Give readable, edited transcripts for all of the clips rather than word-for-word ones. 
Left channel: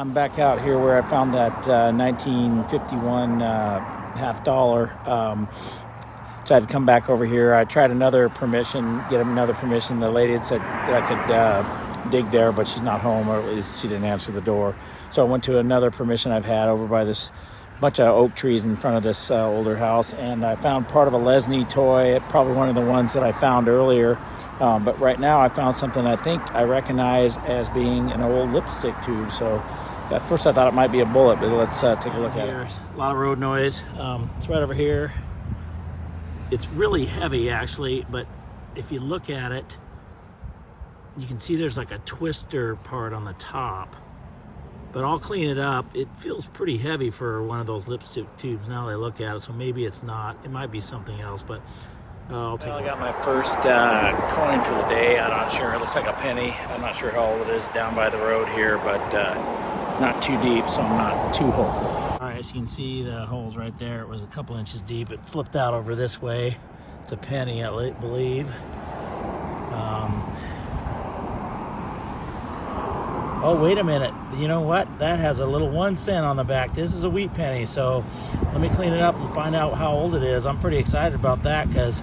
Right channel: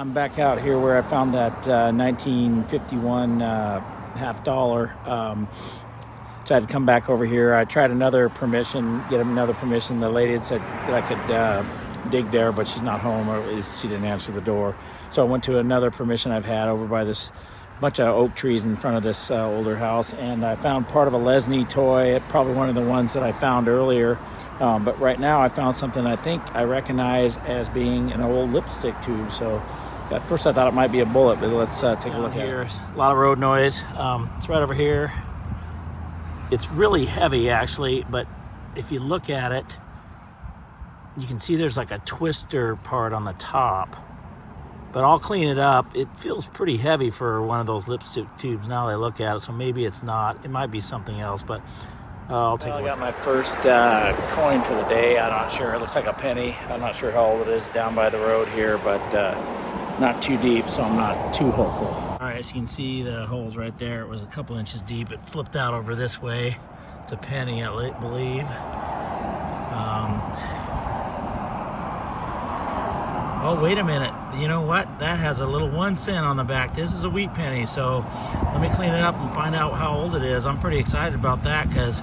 I'm back out here where I found that 1951 half dollar. So I had to come back over here. I tried another permission, get another permission. The lady had said that I could dig there, but she's not home, or at least she didn't answer the door. So I went to another permission I've had over by this bunch of oak trees in front of this older house, and I found part of a Lesney toy, probably one of the ones that I found earlier. But right now I found something I think I recognize as being an old lipstick tube. So at first I thought it might be a bullet, but let's take a look at it. A lot of road noise. It's right over here. It's really heavy actually, but if you look at it, you can see there's like a twister part on the top. But I'll clean it up. It feels pretty heavy for one of those lipstick tubes now that I look at it, so maybe it's not. It might be something else, but I'll take a look. I got my first coin for the day. I'm not sure. It looks like a penny. I'm not sure how old it is down by the road here, but not too deep, so I'm not too hopeful. All right, as you can see, the hole's right there. It was a couple inches deep. It flipped out over this way. It's a penny, I believe. Oh, wait a minute. You know what? That has a little 1 cent on the back. This is a wheat penny, so let me clean it up and find out how old it is. I'm pretty excited about that because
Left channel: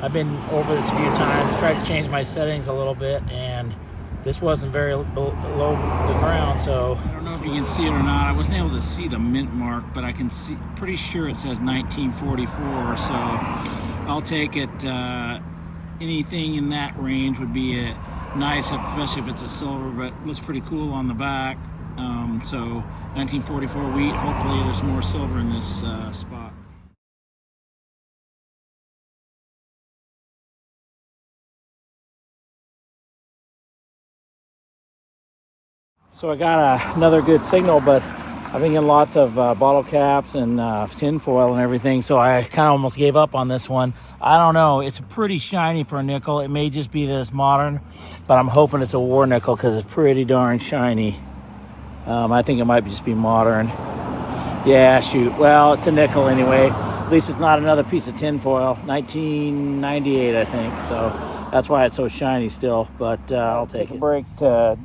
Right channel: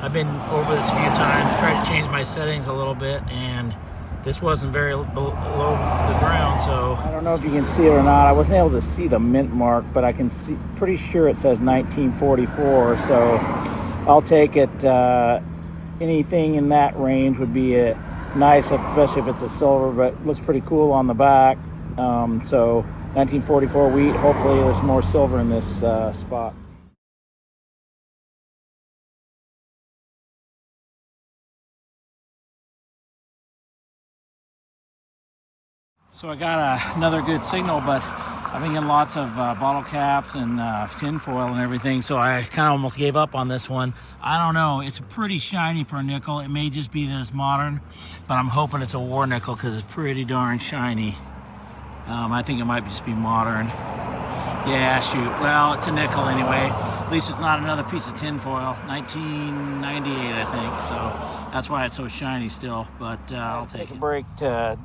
I've been over this a few times, tried to change my settings a little bit, and this wasn't very below the ground, so I don't know if you can see it or not. I wasn't able to see the mint mark, but I can see, pretty sure it says 1944, so I'll take it. Anything in that range would be nice, especially if it's a silver, but it looks pretty cool on the back. So 1944 wheat. Hopefully there's more silver in this spot. So I got another good signal, but I've been getting lots of bottle caps and tin foil and everything, so I kind of almost gave up on this one. I don't know. It's pretty shiny for a nickel. It may just be that it's modern, but I'm hoping it's a war nickel because it's pretty darn shiny. I think it might just be modern. Yeah, shoot. Well, it's a nickel anyway. At least it's not another piece of tin foil. 1998, I think. So that's why it's so shiny still, but I'll take a break to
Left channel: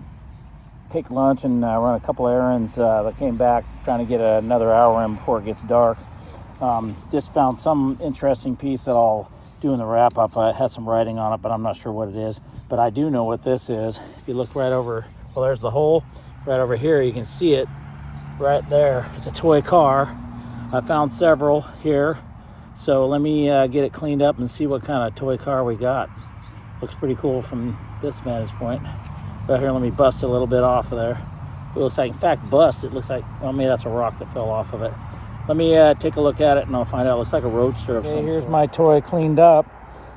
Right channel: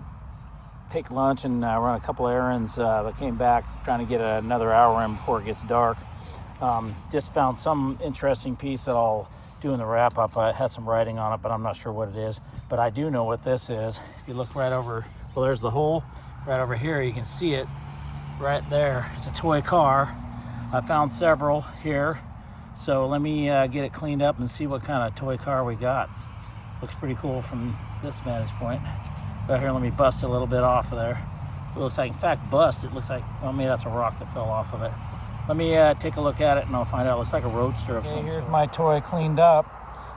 take lunch and run a couple errands. I came back trying to get another hour in before it gets dark. Just found some interesting piece that I'll do in the wrap up. I had some writing on it, but I'm not sure what it is. But I do know what this is. If you look right over, well, there's the hole. Right over here, you can see it right there. It's a toy car. I found several here. So let me get it cleaned up and see what kind of toy car we got. Looks pretty cool from this vantage point. Right here, let me bust a little bit off of there. It looks like, in fact, bust. It looks like, well, maybe that's a rock that fell off of it. Let me take a look at it and I'll find out. It looks like a roadster of some sort. Here's my toy cleaned up.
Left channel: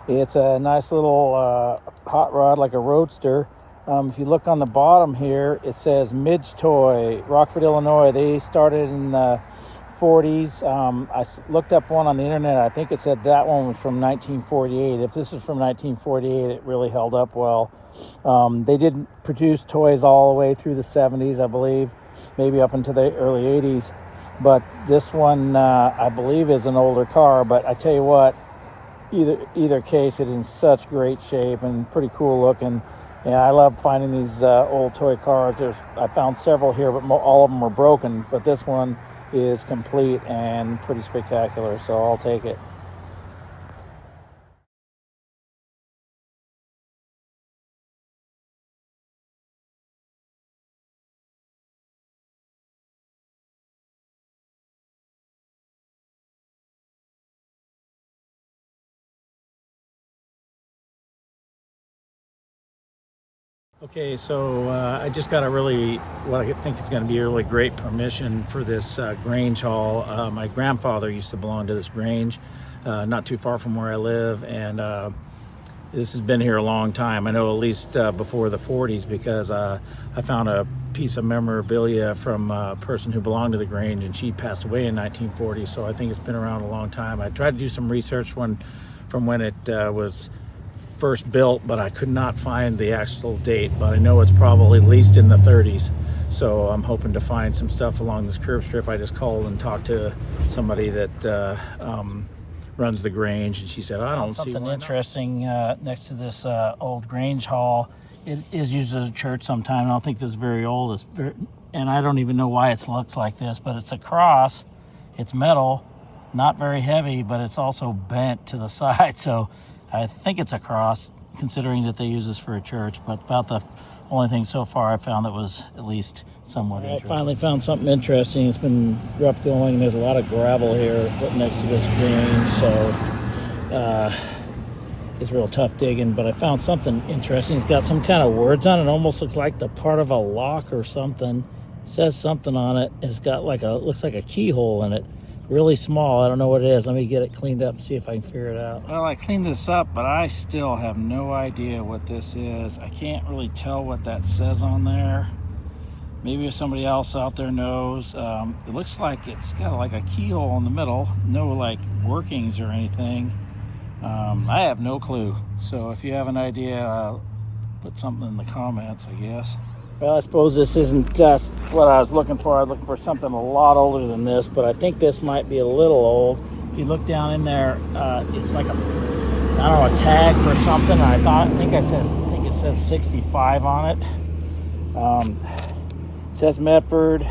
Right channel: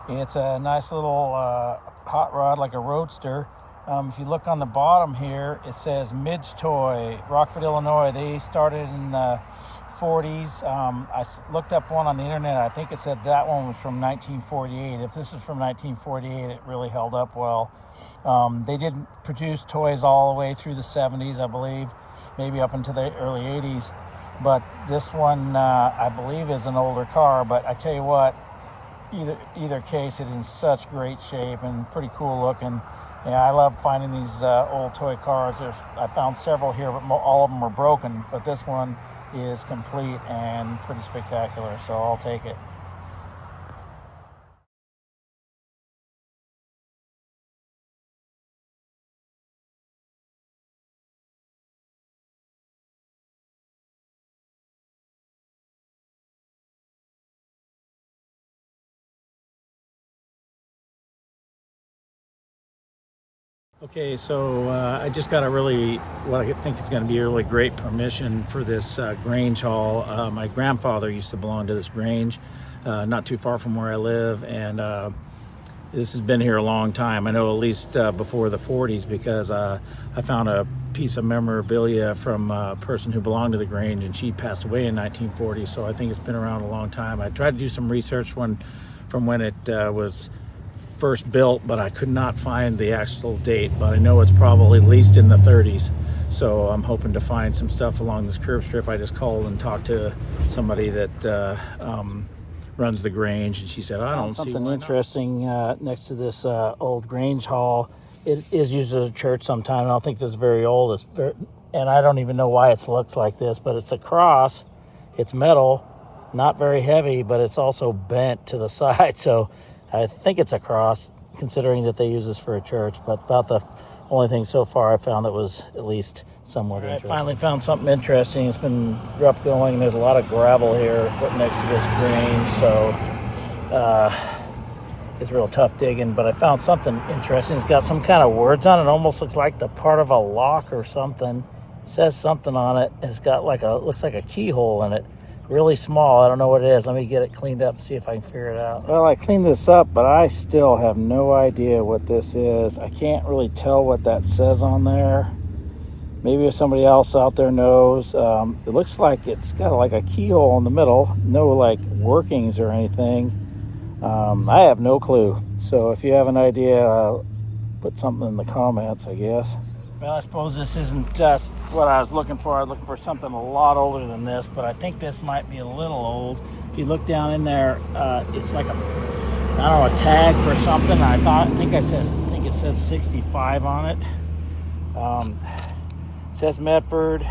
It's a nice little hot rod, like a roadster. If you look on the bottom here, it says Midge Toy, Rockford, Illinois. They started in the 40s. I looked up one on the internet. I think it said that one was from 1948. If this is from 1948, it really held up well. They did produce toys all the way through the 70s, I believe, maybe up into the early 80s. But this one, I believe, is an older car. But I tell you what, either case, it is in such great shape and pretty cool looking. Yeah, I love finding these old toy cars. I found several here, but all of them are broken. But this one is complete and pretty spectacular, so I'll take it. Okay, so I just got what I think is going to be a really great permission for this Grange haul. My grandfather used to belong to this Grange, not too far from where I live, and this has been here a long time. I know at least before the 40s, because I found a piece of memorabilia from a person who belonged to the Grange, and she passed away in 1940, so I think it's been around a long time. I tried to do some research from when it was first built, but I could not find the actual date, but I know it's probably at least in the 30s. So I'm hoping to find some stuff along this curb strip. I just called and talked to somebody that runs the Grange, and she said, I don't see one. Interesting next to this old Grange hall. It is used as a church sometime. I don't think this is very old. It's and I don't even know why it looks like this, but it's a cross. It's metal, not very heavy, but it's also bent to the side. So I think it's a cross, considering that they use this for a church. But about the only thing so far I found that was at least somewhat interesting. I finally found something interesting. It's been rough going. There's a lot of gravel here right next to this Grange, so it's real tough digging. But I found something interesting. It's got some kind of words on it. It almost looks like the part of a lock or something. It says something on it. It's got like looks like a keyhole in it. Really small. I don't know what it is. Let me get it cleaned up and see if I can figure it out. Well, I cleaned this up, but I still have no idea what this is. I can't really tell what that says on there. Maybe if somebody else out there knows. It looks like it's got like a keyhole in the middle. No like workings or anything. I have no clue. So if you have an idea, put something in the comments, I guess. Well, I suppose this isn't just what I was looking for. I was looking for something a lot older than this, but I think this might be a little old. If you look down in there, it's like, I don't know, a tag or something. I think it says 65 on it. It says Medford,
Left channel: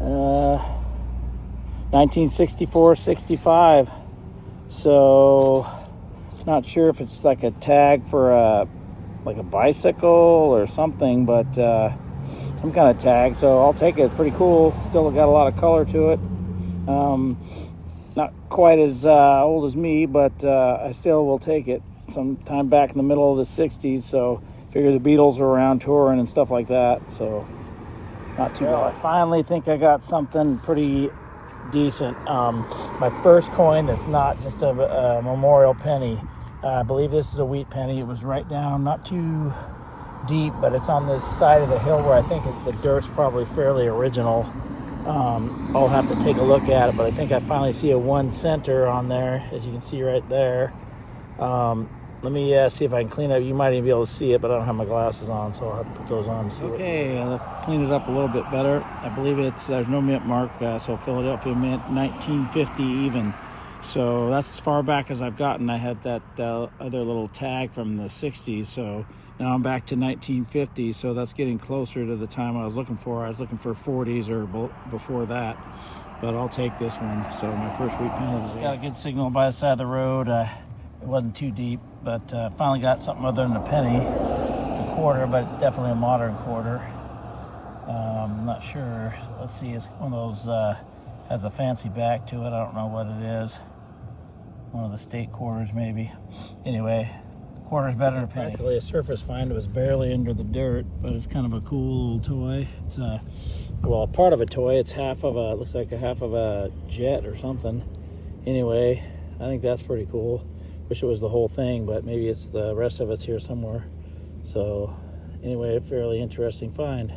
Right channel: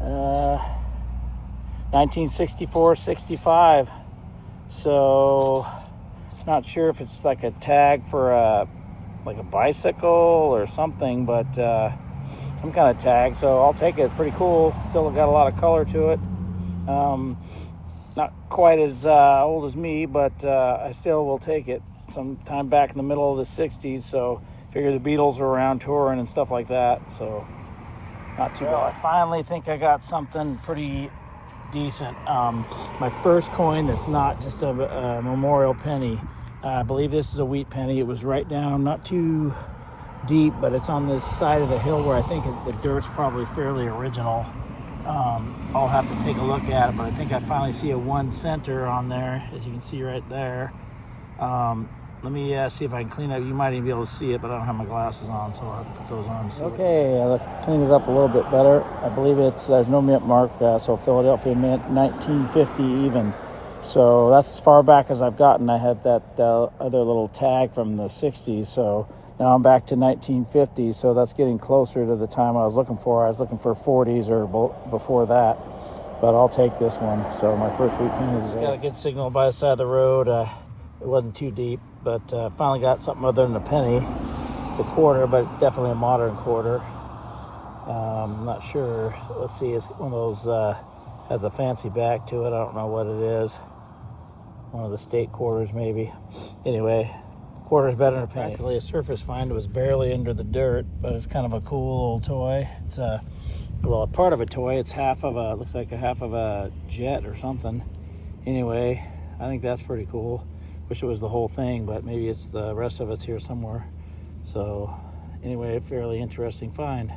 1964-65. So, not sure if it's like a tag for a bicycle or something, but some kind of tag. So I'll take it. Pretty cool. Still got a lot of color to it. Not quite as old as me, but I still will take it. Sometime back in the middle of the 60s, so figure the Beatles were around touring and stuff like that, so not too bad. I finally think I got something pretty decent. My first coin that's not just a memorial penny. I believe this is a wheat penny. It was right down, not too deep, but it's on this side of the hill where I think the dirt's probably fairly original. I'll have to take a look at it, but I think I finally see a 1 center on there, as you can see right there. Let me see if I can clean it up. You might even be able to see it, but I don't have my glasses on, so I'll have to put those on. Okay, I'll clean it up a little bit better. I believe there's no mint mark, so Philadelphia Mint, 1950 even. So that's as far back as I've gotten. I had that other little tag from the 60s, so now I'm back to 1950, so that's getting closer to the time I was looking for. I was looking for 40s or before that, but I'll take this one. So my first wheat penny is got a good signal by the side of the road. It wasn't too deep, but finally got something other than a penny. It's a quarter, but it's definitely a modern quarter. I'm not sure. Let's see, it's one of those, has a fancy back to it. I don't know what it is. One of the state quarters, maybe. Anyway, quarter's better than a penny. Actually, a surface find. It was barely under the dirt, but it's kind of a cool old toy. It's well, a part of a toy. It's looks like half of a jet or something. Anyway, I think that's pretty cool. Wish it was the whole thing, but maybe it's the rest of it's here somewhere. So anyway, a fairly interesting find.